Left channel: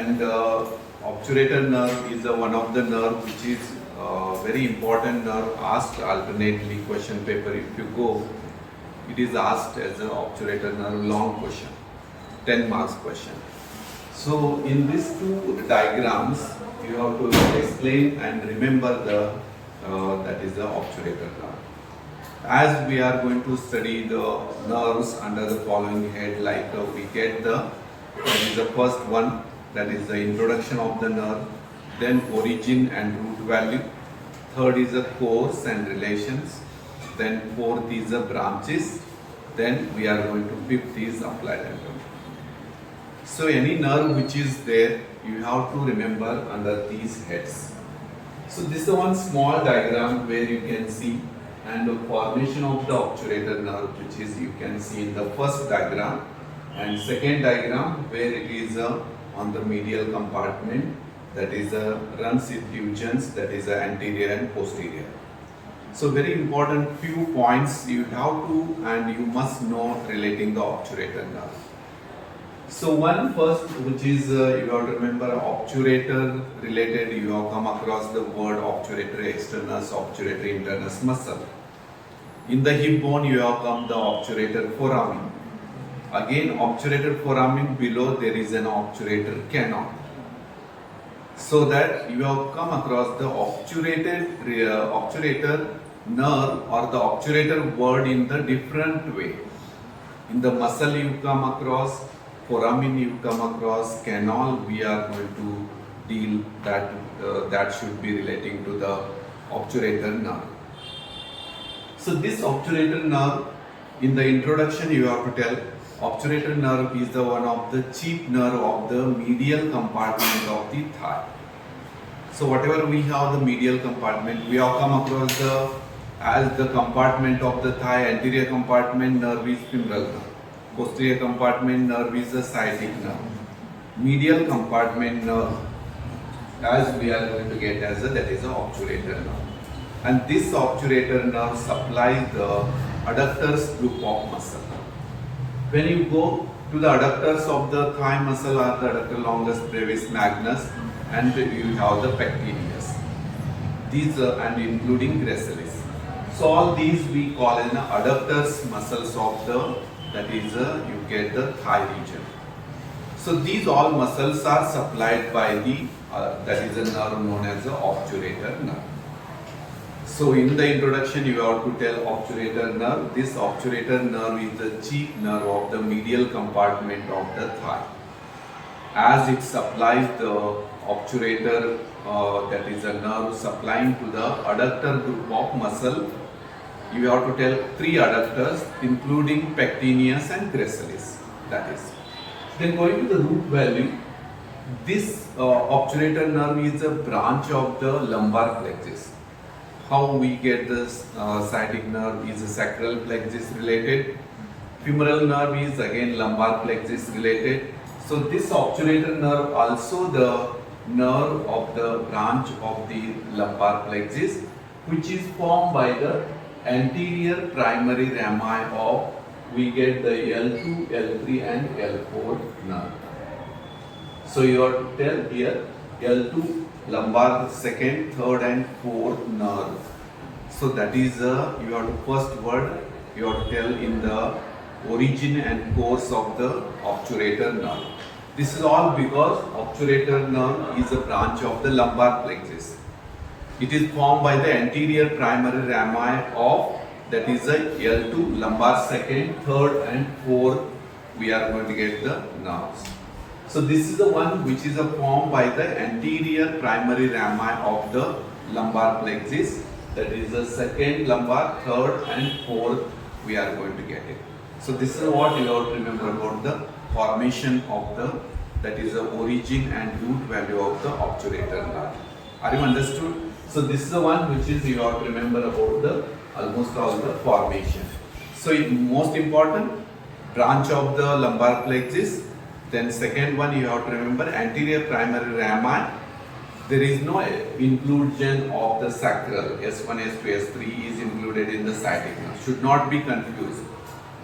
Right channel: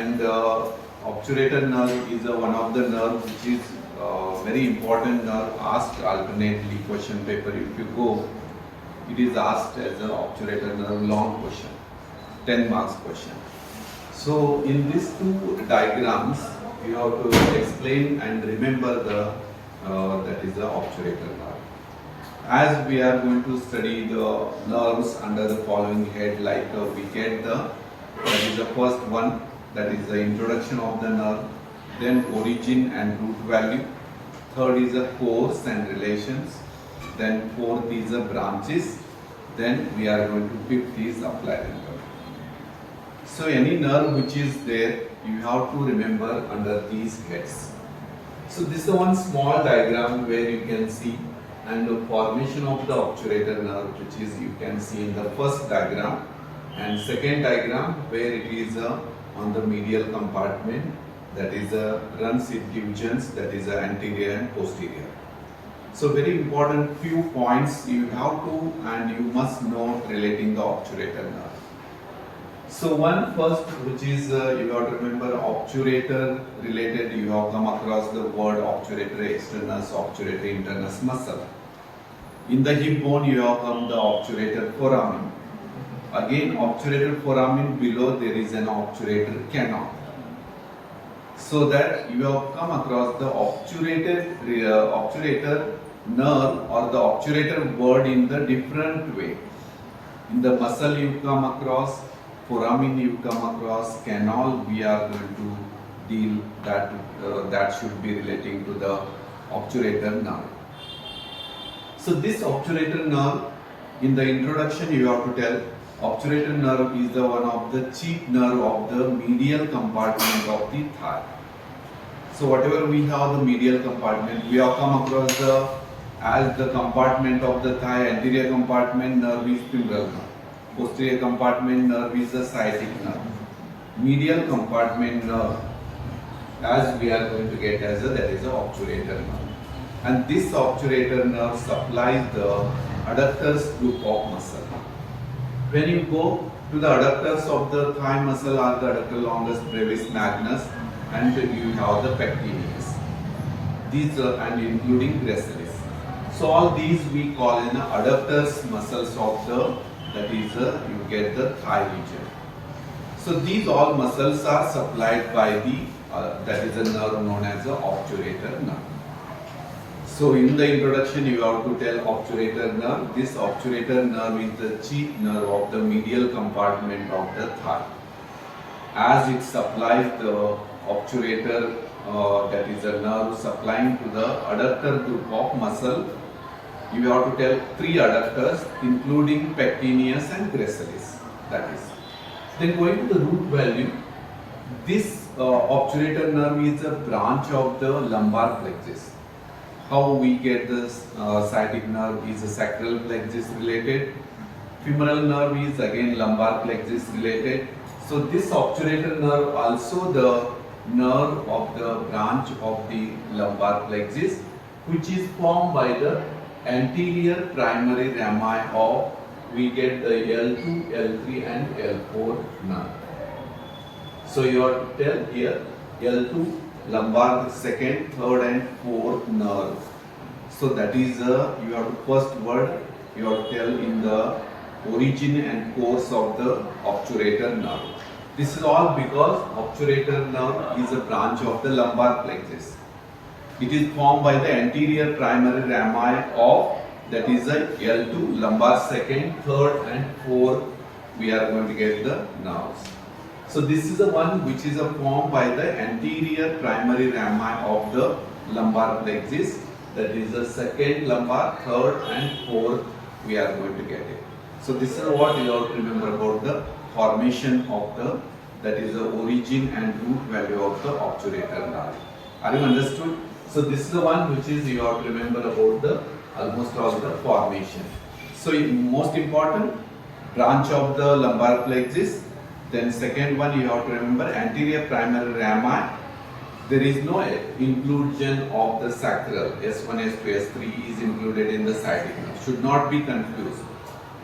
And obturator nerve is one of the nerve which is very important nerve, asked alternately question paper. If you go, it is asked as an obturator nerve, long question, 10 marks question. So in these two diagrams, you have to explain and remember the that is the obturator nerve. As we are going to study the nerves under the following head, like we get that is the first one, that is the introduction of the nerve, then origin and root value, third is the course and relations, then fourth is the branches, then we are going to fifth is applied anatomy. So any nerve which is there, you have to remember under these heads. So this is one small diagram where you can see and the formation of the obturator nerve, which is you can see in the first diagram, and second diagram where it is on the medial compartment, that is runs diffusions, that is anterior and posterior. So very important few points you have to and you must know relating the obturator nerve. So one first, which is you have to remember obturator related, you have come across the word obturator externus, obturator internus muscle. In the hip bone you have come the obturator foramen. Again obturator foramen, below there is an obturator canal. So that you have come across the obturator nerve or the obturator word in the different way. In the muscle you come across, foramen you come across, canal we are going to deal that that should be relating to the obturator nerve. So this obturator nerve, in the introduction you have to tell obturator nerve is the one of the chief nerve of the medial compartment of the thigh. So whatever we have the medial compartment, we have come across as the compartment of the thigh, anterior compartment nerve is femoral nerve, posterior compartment nerve is the sciatic nerve, medial compartment nerve as we are going to get as that is the obturator nerve. And this obturator nerve supplies the adductors group of muscle. When you go to the adductors of the thigh muscle are the adductor longus brevis magnus, and you have the pectineus. These and including gracilis. So all these we call in adductors muscles of the, that is you get the thigh region. So these all muscles are supplied by the that is a nerve known as the obturator nerve. So in the introduction you have to tell obturator nerve. This obturator nerve is the chief nerve of the medial compartment of the thigh. As it supplies the obturator, that is a nerve supplying to the adductor group of muscle, you have to tell three adductors including pectineus and gracilis. That is. Then going to the root value, this obturator nerve is a branch of the lumbar plexus. How we get this sciatic nerve is a sacral plexus related, femoral nerve is again lumbar plexus related. So this obturator nerve also the nerve of the branch of the lumbar plexus, which is formed by the anterior primary rami of, we get the L2, L3 and L4 nerve. So you have to tell here L2 lumbar second, third and fourth nerve. So that is you have to first word you have to tell in the origin and course of the obturator nerve. This is all because obturator nerve is a branch of the lumbar plexus. It is formed by the anterior primary rami of, that is a L2 lumbar second, third and fourth we are going to get the nerves. So this is the one which is formed by the anterior primary rami of the lumbar plexus, that is the second lumbar, third and fourth we are going to get it. So this is what you have to remember about the formation of the, that is the origin and root value of the obturator nerve. Are you understood? So this is the one which is you have to remember about the almost all the formation. So most important, branch of the lumbar plexus. Then second one you have to remember anterior primary rami. There is no inclusion of the sacral. S1, S2, S3 is included in the sciatic nerve. Should not be confused.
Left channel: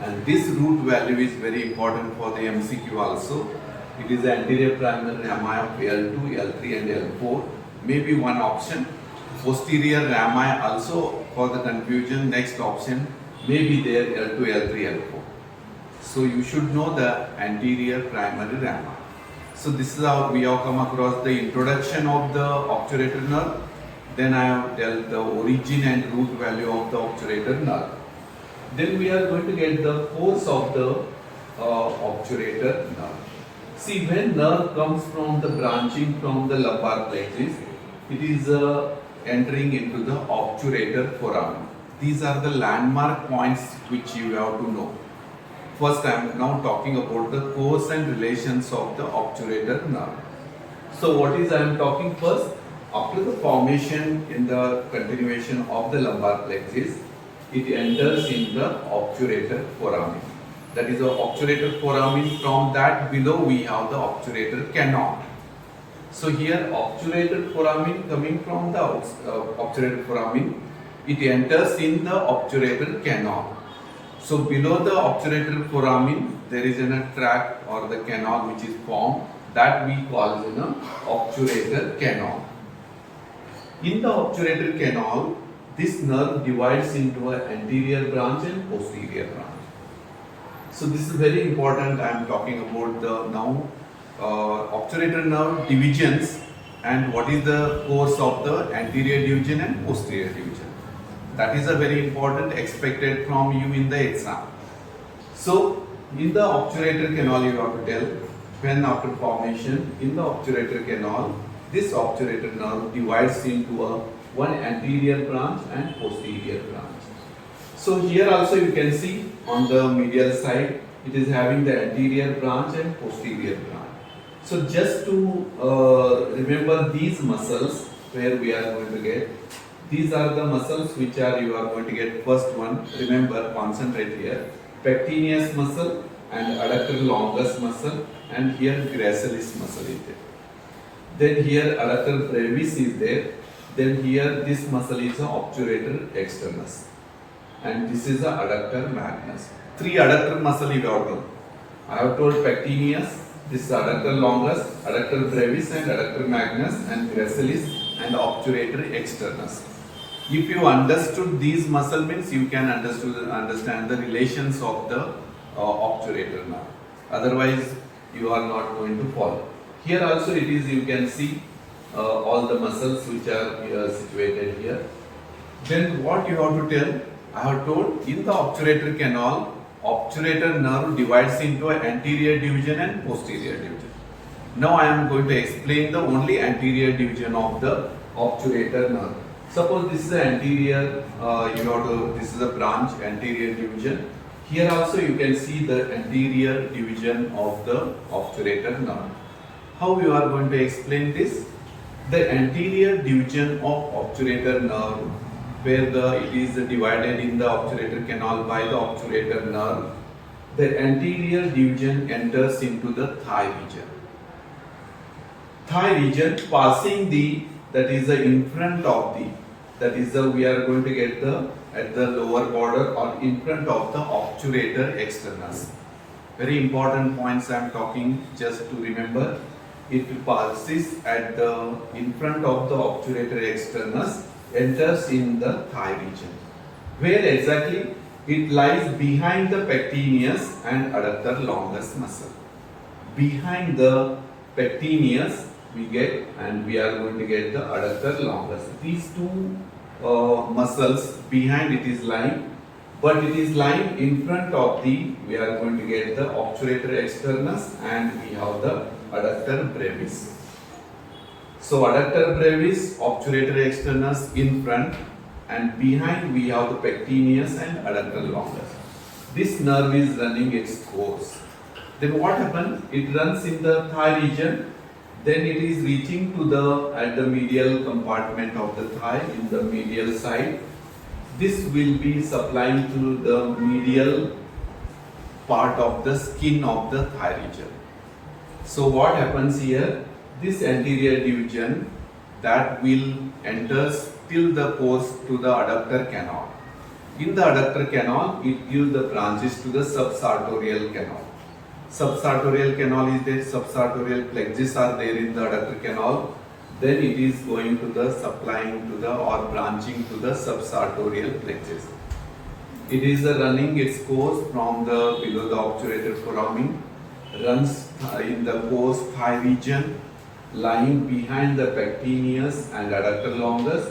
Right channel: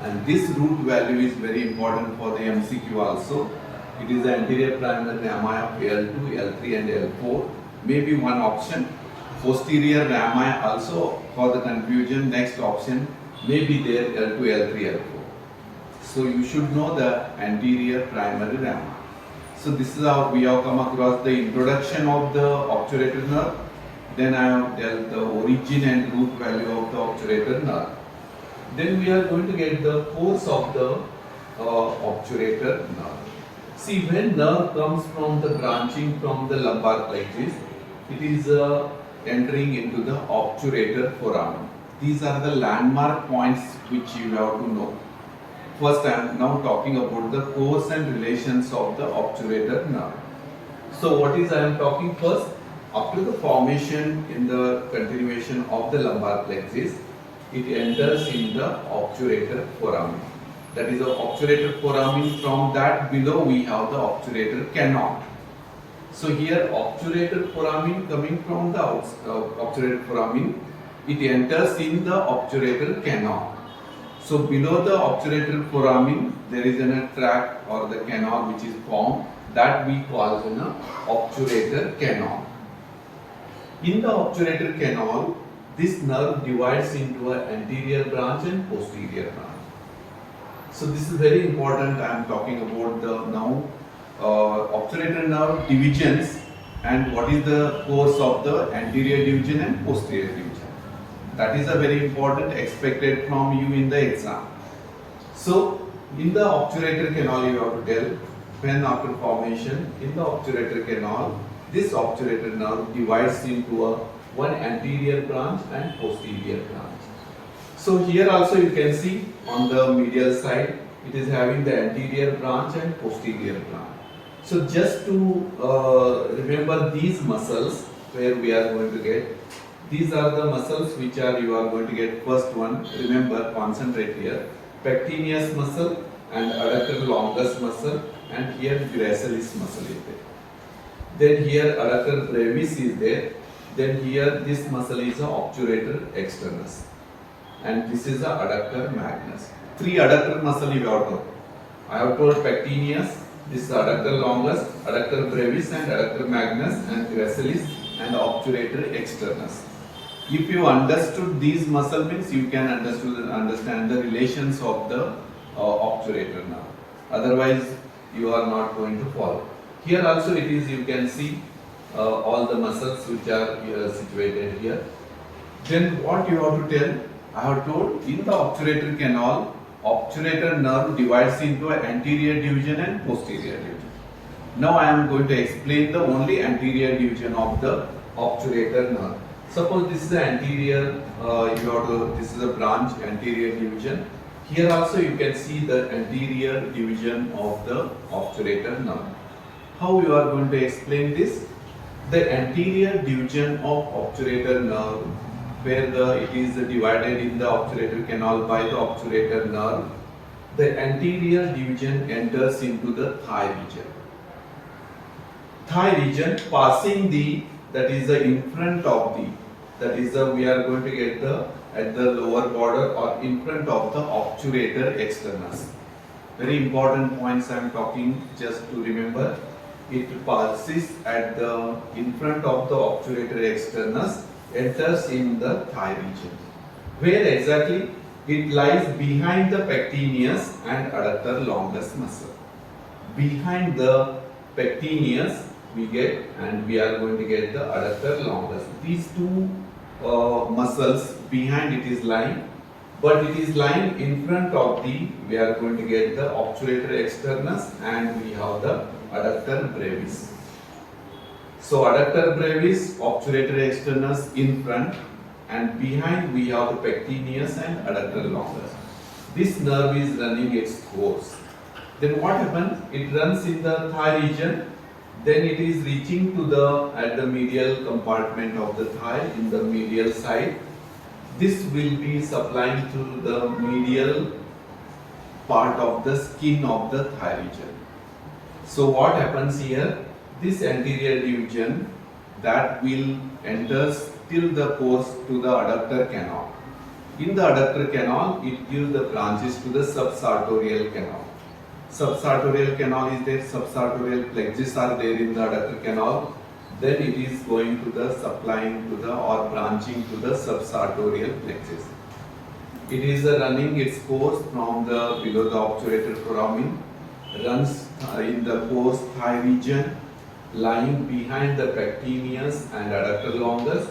And this root value is very important for the MCQ also. It is the anterior primary rami of L2, L3 and L4. Maybe one option. Posterior rami also, for the confusion, next option may be there L2, L3, L4. So you should know the anterior primary rami. So this is how we have come across the introduction of the obturator nerve. Then I have dealt the origin and root value of the obturator nerve. Then we are going to get the course of the obturator nerve. See, when nerve comes from the branching from the lumbar plexus, it is entering into the obturator foramen. These are the landmark points which you have to know. First, I am now talking about the course and relations of the obturator nerve. So, what is I am talking first? After the formation in the continuation of the lumbar plexus, it enters in the obturator foramen. That is the obturator foramen. From that below we have the obturator canal. So here obturator foramen coming from the obturator foramen, it enters in the obturator canal. So below the obturator foramen there is a tract or the canal which is formed, that we call as an obturator canal. In the obturator canal, this nerve divides into an anterior branch and posterior branch. So this is very important. I am talking about the now obturator nerve divisions and what is the course of the anterior division and posterior division. That is a very important expected from you in the exam. So in the obturator canal you have to tell when after formation in the obturator canal, this obturator nerve divides into one anterior branch and posterior branch. So here also you can see on the medial side it is having the anterior branch and posterior branch. So just to remember these muscles where we are going to get, these are the muscles which are you are going to get. First one, remember, concentrate here, pectineus muscle and adductor longus muscle, and here gracilis muscle is there. Then here adductor brevis is there. Then here this muscle is a obturator externus, and this is a adductor magnus. Three adductor muscle you have told. I have told pectineus, this is adductor longus, adductor brevis and adductor magnus, and gracilis and obturator externus. If you understood these muscle means you can understand the relations of the obturator nerve. Otherwise you are not going to follow. Here also it is, you can see all the muscles which are situated here. Then what you have to tell? I have told in the obturator canal, obturator nerve divides into an anterior division and posterior division. Now I am going to explain the only anterior division of the obturator nerve. Suppose this is the anterior, this is a branch anterior division. Here also you can see the anterior division of the obturator nerve. How you are going to explain this? The anterior division of obturator nerve, where it is divided in the obturator canal by the obturator nerve, the anterior division enters into the thigh region. Thigh region passing that is in front of we are going to get at the lower border or in front of the obturator externus. Very important points I am talking, just to remember. It passes in front of the obturator externus, enters in the thigh region. Where exactly? It lies behind the pectineus and adductor longus muscle. Behind the pectineus we get, and we are going to get the adductor longus. These two muscles behind it is lying, but it is lying in front of we are going to get the obturator externus and we have the adductor brevis. So adductor brevis, obturator externus in front, and behind we have the pectineus and adductor longus. This nerve is running its course. Then what happens? It runs in the thigh region. Then it is reaching to at the medial compartment of the thigh in the medial side. This will be supplying to the medial part of the skin of the thigh region. So what happens here? This anterior division that will enters till the course to the adductor canal. In the adductor canal, it gives the branches to the subsartorial canal. subsartorial canal is there, subsartorial plexus are there in the adductor canal. Then it is going to the supplying to the or branching to the subsartorial plexus. It is running its course from the below the obturator foramen, runs in the course thigh region, lying behind the pectineus and adductor longus,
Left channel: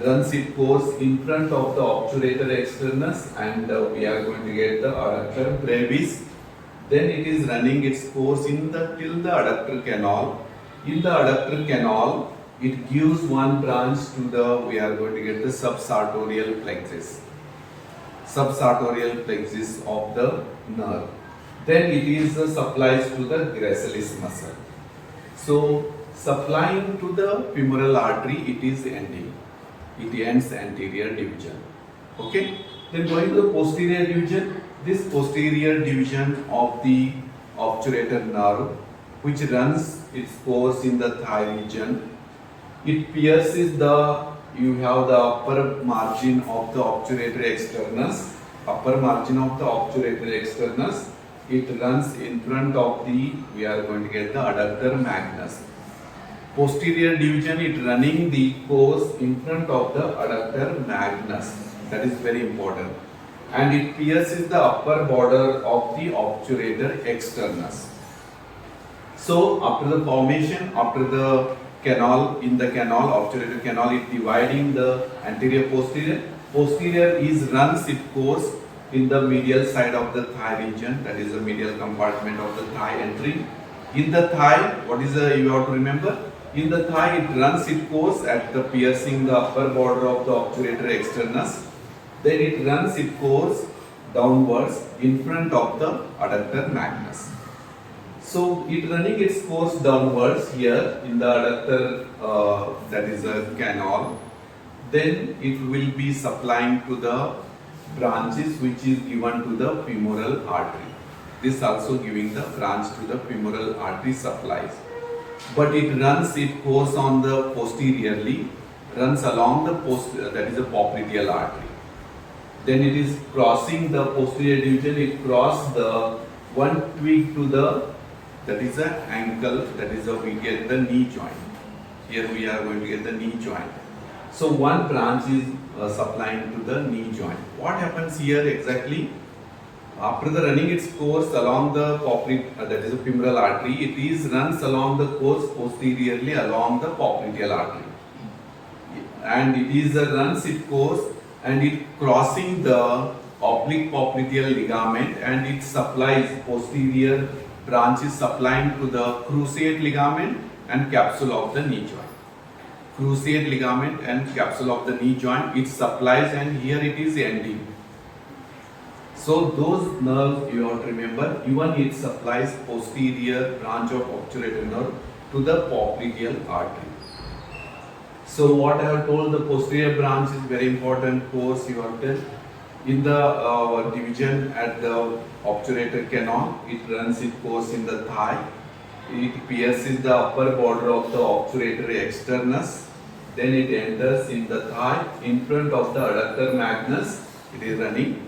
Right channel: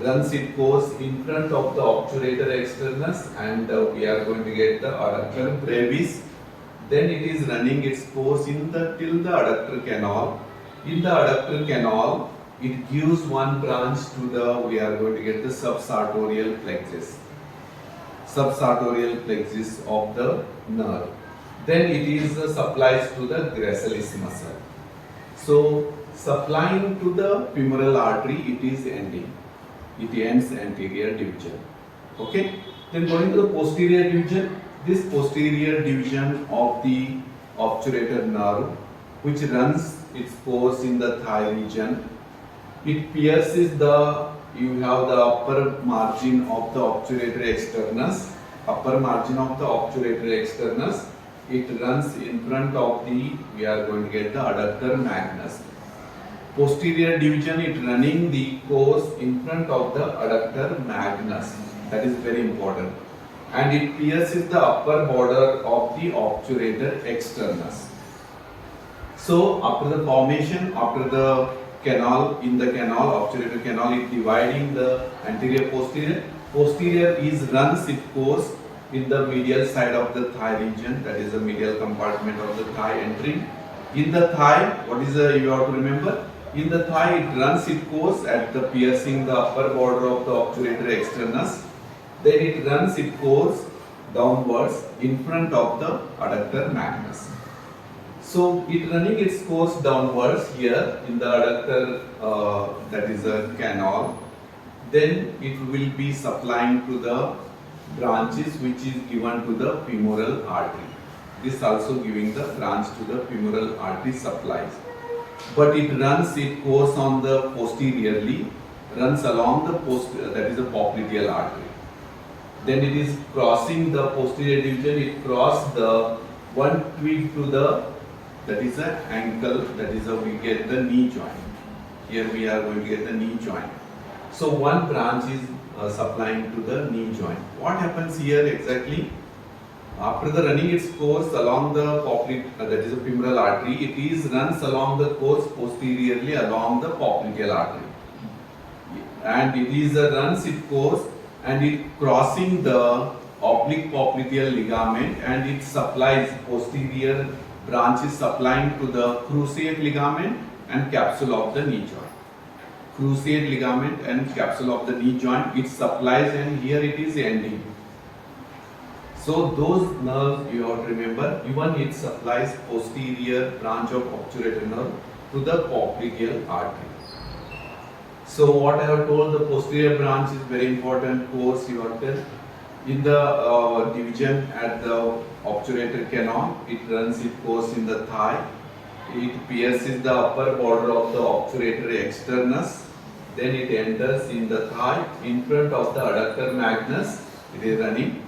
runs its course in front of the obturator externus, and we are going to get the adductor brevis. Then it is running its course in the till the adductor canal. In the adductor canal, it gives one branch to the, we are going to get the subsartorial plexus. Subsartorial plexus of the nerve. Then it is supplies to the gracilis muscle. So supplying to the femoral artery, it is ending. It ends anterior division. Okay. Then going to the posterior division. This posterior division of the obturator nerve, which runs its course in the thigh region, it pierces the, you have the upper margin of the obturator externus, upper margin of the obturator externus. It runs in front of the, we are going to get the adductor magnus. Posterior division, it running the course in front of the adductor magnus. That is very important. And it pierces the upper border of the obturator externus. So after the formation, after the canal, in the canal, obturator canal, it dividing the anterior posterior. Posterior is runs its course in the medial side of the thigh region, that is the medial compartment of the thigh entering. In the thigh, what is the, you have to remember, in the thigh it runs its course at the piercing the upper border of the obturator externus. Then it runs its course downwards in front of the adductor magnus. So it running its course downwards here in the adductor, that is a canal. Then it will be supplying to the branches which is given to the femoral artery. This also giving the branch to the femoral artery supplies. But it runs its course on the posteriorly, runs along the that is a popliteal artery. Then it is crossing the posterior division, it crossed the one twig to the, that is a ankle, that is a, we get the knee joint. Here we are going to get the knee joint. So one branch is supplying to the knee joint. What happens here exactly? After the running its course along the that is a femoral artery, it is runs along the course posteriorly along the popliteal artery. And it is runs its course and it crossing the oblique popliteal ligament, and it supplies posterior branches supplying to the cruciate ligament and capsule of the knee joint. Cruciate ligament and capsule of the knee joint, it supplies, and here it is ending. So those nerves you have to remember, even it supplies posterior branch of obturator nerve to the popliteal artery. So what I have told, the posterior branch is very important course you have to tell. In the division at the obturator canal, it runs its course in the thigh. It pierces the upper border of the obturator externus. Then it enters in the thigh in front of the adductor magnus. It is running.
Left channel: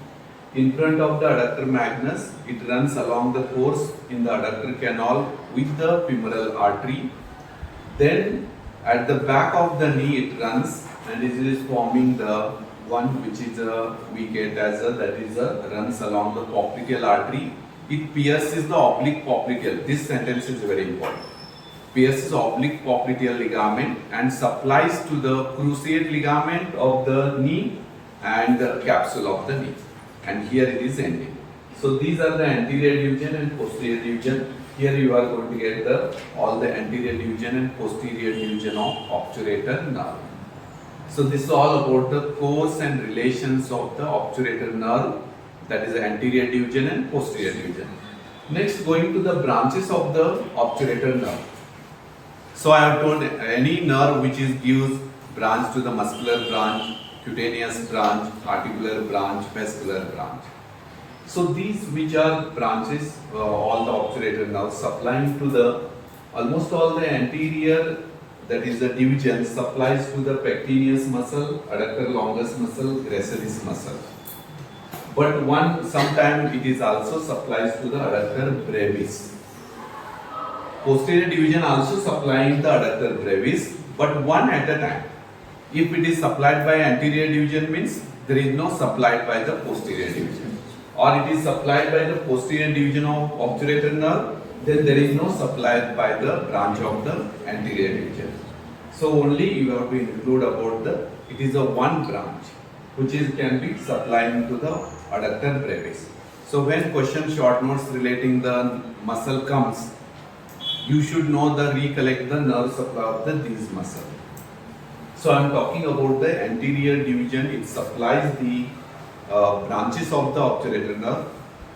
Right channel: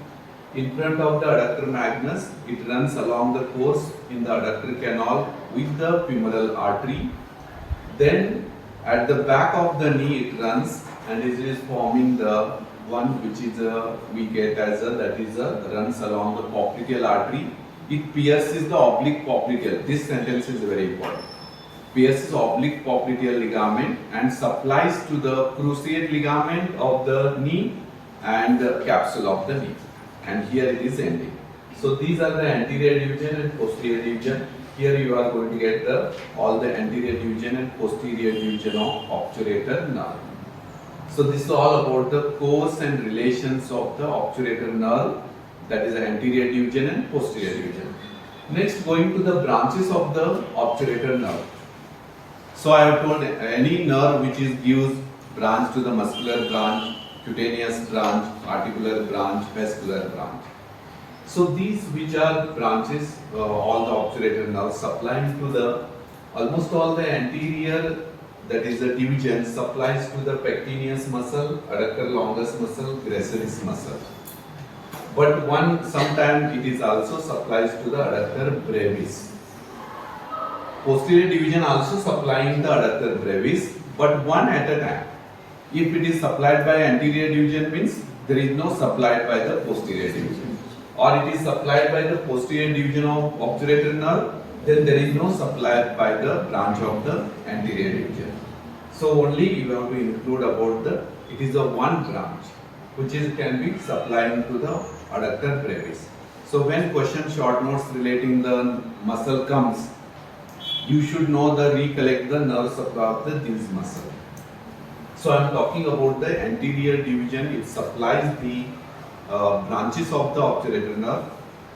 In front of the adductor magnus, it runs along the course in the adductor canal with the femoral artery. Then at the back of the knee it runs, and it is forming the one which is we get as a, that is a, runs along the popliteal artery. It pierces the oblique popliteal. This sentence is very important. Pierces oblique popliteal ligament and supplies to the cruciate ligament of the knee and the capsule of the knee. And here it is ending. So these are the anterior division and posterior division. Here you are going to get the all the anterior division and posterior division of obturator nerve. So this is all about the course and relations of the obturator nerve, that is the anterior division and posterior division. Next, going to the branches of the obturator nerve. So I have told any nerve which is gives branch to the muscular branch, cutaneous branch, articular branch, vascular branch. So these which are branches, all the obturator nerves supplying to the almost all the anterior, that is the division, supplies to the pectineus muscle, adductor longus muscle, gracilis muscle. But one sometimes it is also supplies to the adductor brevis. Posterior division also supplying the adductor brevis, but one at a time. If it is supplied by anterior division means there is no supplied by the posterior division, or it is supplied by the posterior division of obturator nerve, then there is no supplied by the branch of the anterior division. So only you have to include about the, it is a one branch which is can be supplying to the adductor brevis. So when question short notes relating the muscle comes, you should know the recollect the nerve supply of these muscle. So I am talking about the anterior division. It supplies the branches of the obturator nerve,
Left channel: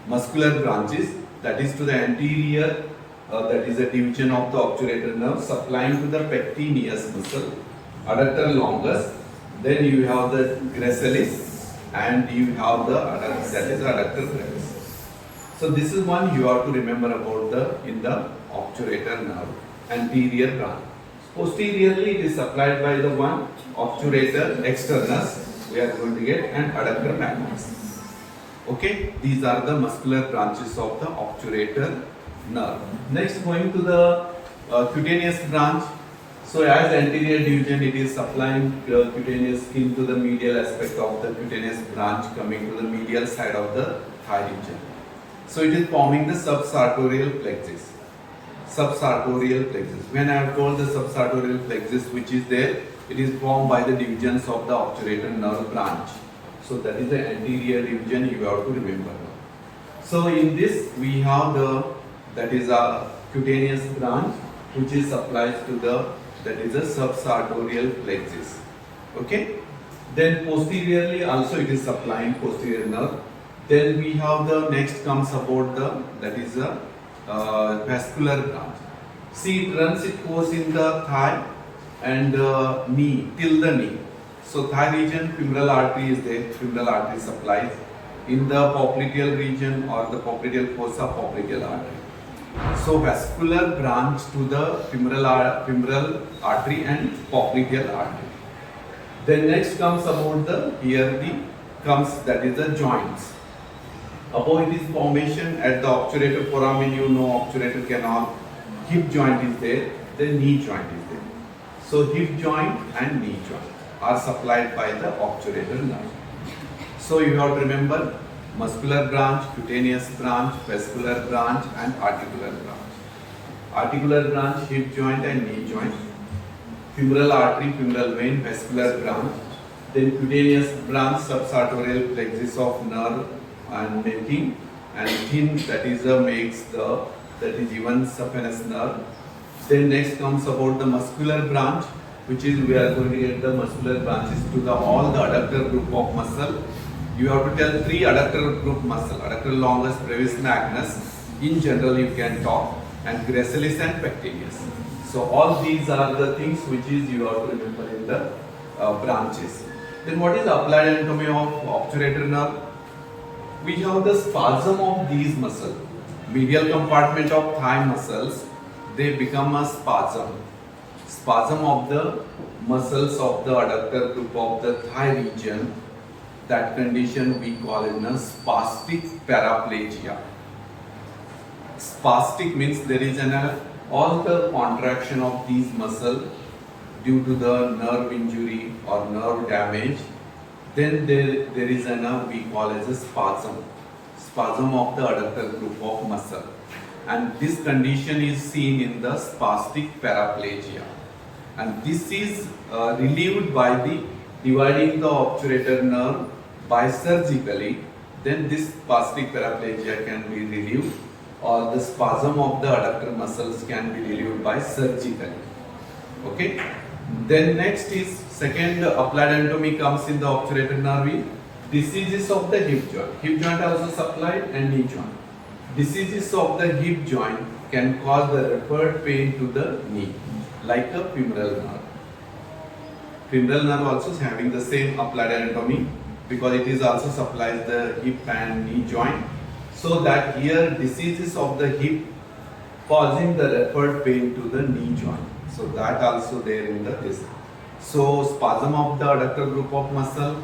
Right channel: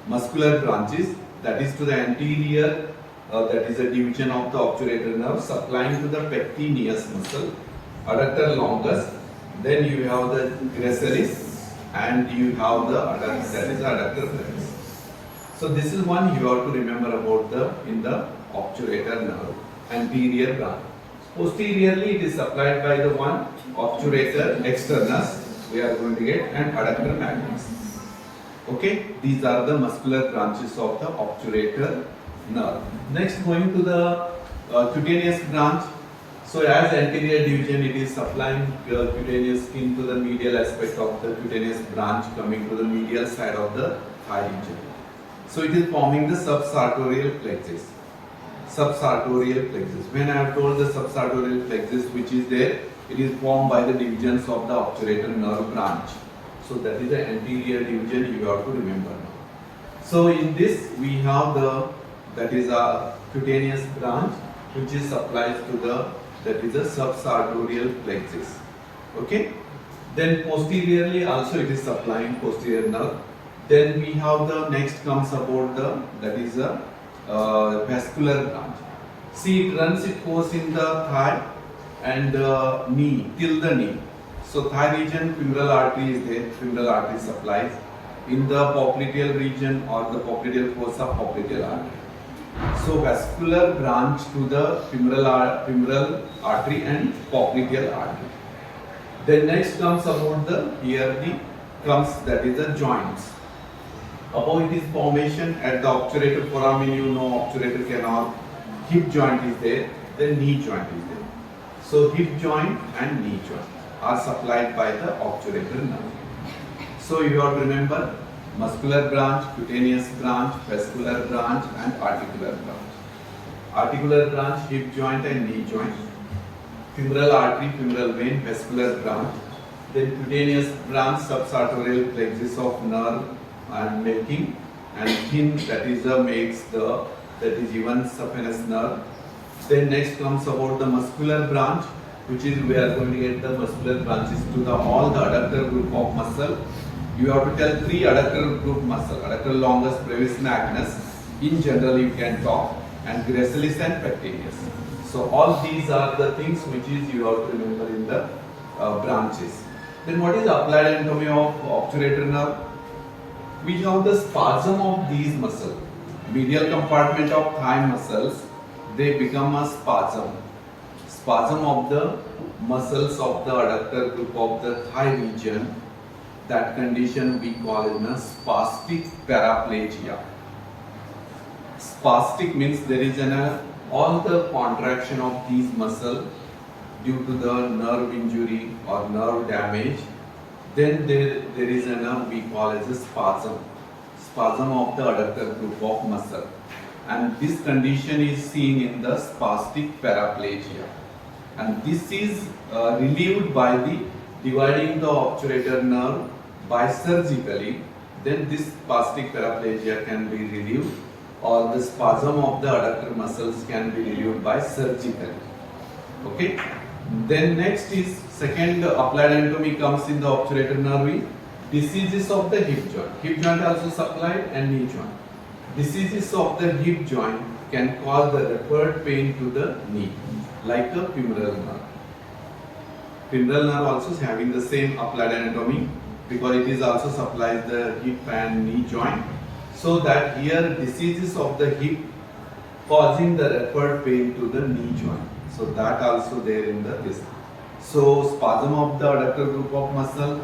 muscular branches, that is to the anterior, that is a division of the obturator nerve supplying to the pectineus muscle, adductor longus, then you have the gracilis, and you have the adductor, that is adductor brevis. So this is one you have to remember about the in the obturator nerve, anterior branch. Posteriorly it is supplied by the one obturator externus we are going to get, and adductor magnus. Okay, these are the muscular branches of the obturator nerve. Next, going to the cutaneous branch. So as anterior division, it is supplying cutaneous skin to the medial aspect of the cutaneous branch coming to the medial side of the thigh region. So it is forming the subsartorial plexus. Subsartorial plexus. When I have told the subsartorial plexus which is there, it is formed by the divisions of the obturator nerve branch. So that is the anterior division you have to remember now. So in this we have the, that is a cutaneous branch which is supplies to the, that is a subsartorial plexus. Okay. Then posteriorly also it is supplying posterior nerve. Then we have the next comes about the, that is a vascular branch. See, it runs its course in the thigh and knee, till the knee. So thigh region, femoral artery is there, femoral artery supplies. In the popliteal region or the popliteal fossa, popliteal artery. So vascular branch to the femoral artery and popliteal artery. Then next comes about the, here the comes, that is the joints. Above it is formation at the obturator foramen, you know obturator canal, hip joint is there, then knee joint is there. So hip joint and knee joint are supplied by the obturator nerve. So you have to remember muscular branch, cutaneous branch, vascular branch and articular branch. Articular branch, hip joint and knee joint. Femoral artery, femoral vein, vascular branch. Then cutaneous branch, subsartorial plexus of nerve and making, and thin, that is makes the, that is even saphenous nerve. Then next comes about the muscular branch, which is we are going to get the muscular branches to the all the adductor group of muscle. You have to tell three adductor group muscle: adductor longus, brevis magnus. In general, you can talk, and gracilis and pectineus. So all these are the things which is you have to remember in the branches. Then what is applied anatomy of obturator nerve? We have the spasm of these muscles. Medial compartment of thigh muscles, they become a spasm. Spasm of the muscles of the adductor group of the thigh region. That condition we call it a spastic paraplegia. Spastic means there is all the contraction of these muscles due to the nerve injury or nerve damage. Then there is we call as a spasm of the adductor group of muscle, and this condition is seen in the spastic paraplegia, and this is relieved by the dividing the obturator nerve by surgically. Then this spastic paraplegia can be relieved, or the spasm of the adductor muscles can be relieved by surgically. Okay. Then next is second applied anatomy comes in the obturator nerve. Diseases of the hip joint. Hip joint also supplied and knee joint. Diseases of the hip joint can cause the referred pain to the knee, like a femoral nerve. Femoral nerve also is having the same applied anatomy because it is also supplies the hip and knee joint. So that here diseases of the hip causing the referred pain to the knee joint. So that also there in the this. So spasm of the adductor group of muscle,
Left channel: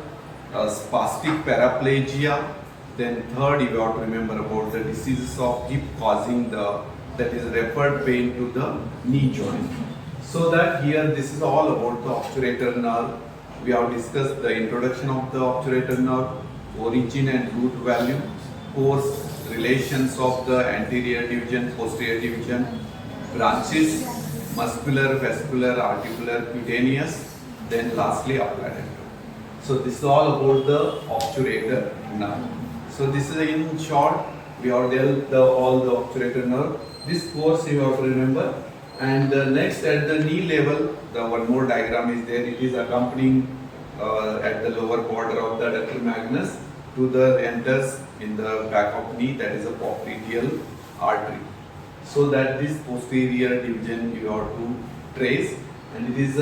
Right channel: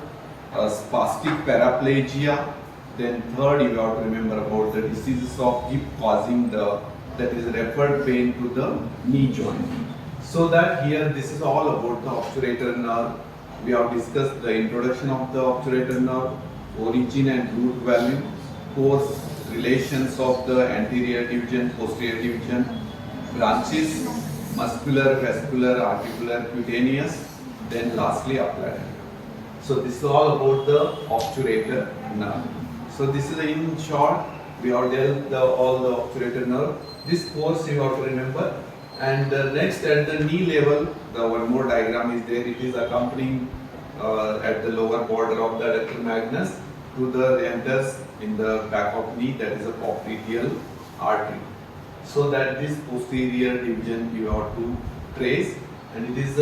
spastic paraplegia, Then third, you have to remember about the diseases of hip causing the, that is referred pain to the knee joint. So that here this is all about the obturator nerve. We have discussed the introduction of the obturator nerve, origin and root value, course, relations of the anterior division, posterior division, branches, muscular, vascular, articular, cutaneous, then lastly applied. So this is all about the obturator nerve. So this is in short, we have dealt all the obturator nerve. This course you have to remember. And next at the knee level, the one more diagram is there. It is accompanying at the lower border of the adductor magnus to the enters in the back of knee, that is a popliteal artery. So that this posterior division you have to trace, and it is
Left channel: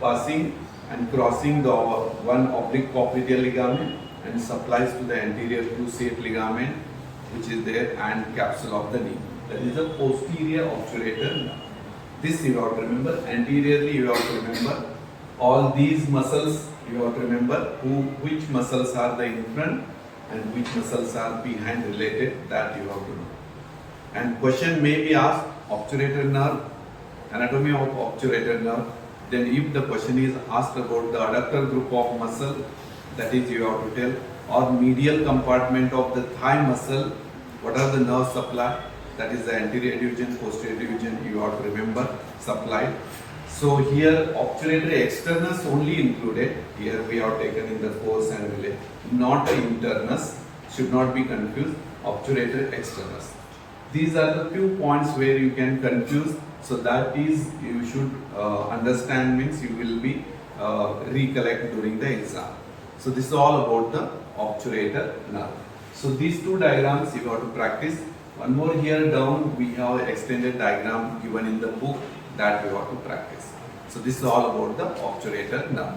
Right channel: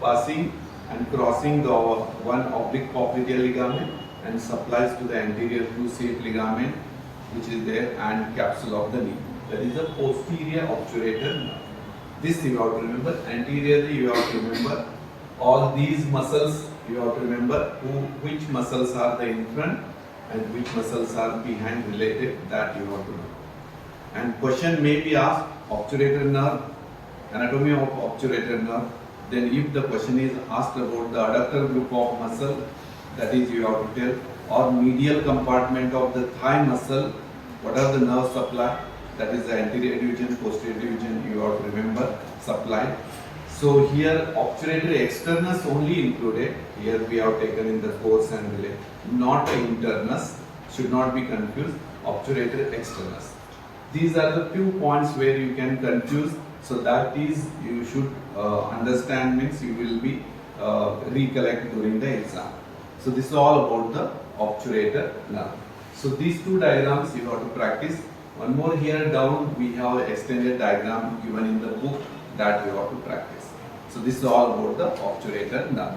passing and crossing the one oblique popliteal ligament and supplies to the anterior cruciate ligament which is there and capsule of the knee. That is the posterior obturator nerve. This you have to remember. Anteriorly you have to remember all these muscles. You have to remember which muscles are the in front and which muscles are behind related, that you have to know. And question may be asked, obturator nerve, anatomy of obturator nerve. Then if the question is asked about the adductor group of muscle, that is you have to tell, or medial compartment of the thigh muscle, what are the nerve supply? That is the anterior division, posterior division, you have to remember, supply. So here obturator externus only included. Here we have taken in the course and relate, not the internus, should not be confused, obturator externus. These are the few points where you can confuse. So that is, you should understand, means you will be recollect during the exam. So this is all about the obturator nerve. So these two diagrams you have to practice. One more here down, we have extended diagram given in the book that you have to practice. So this is all about the obturator nerve.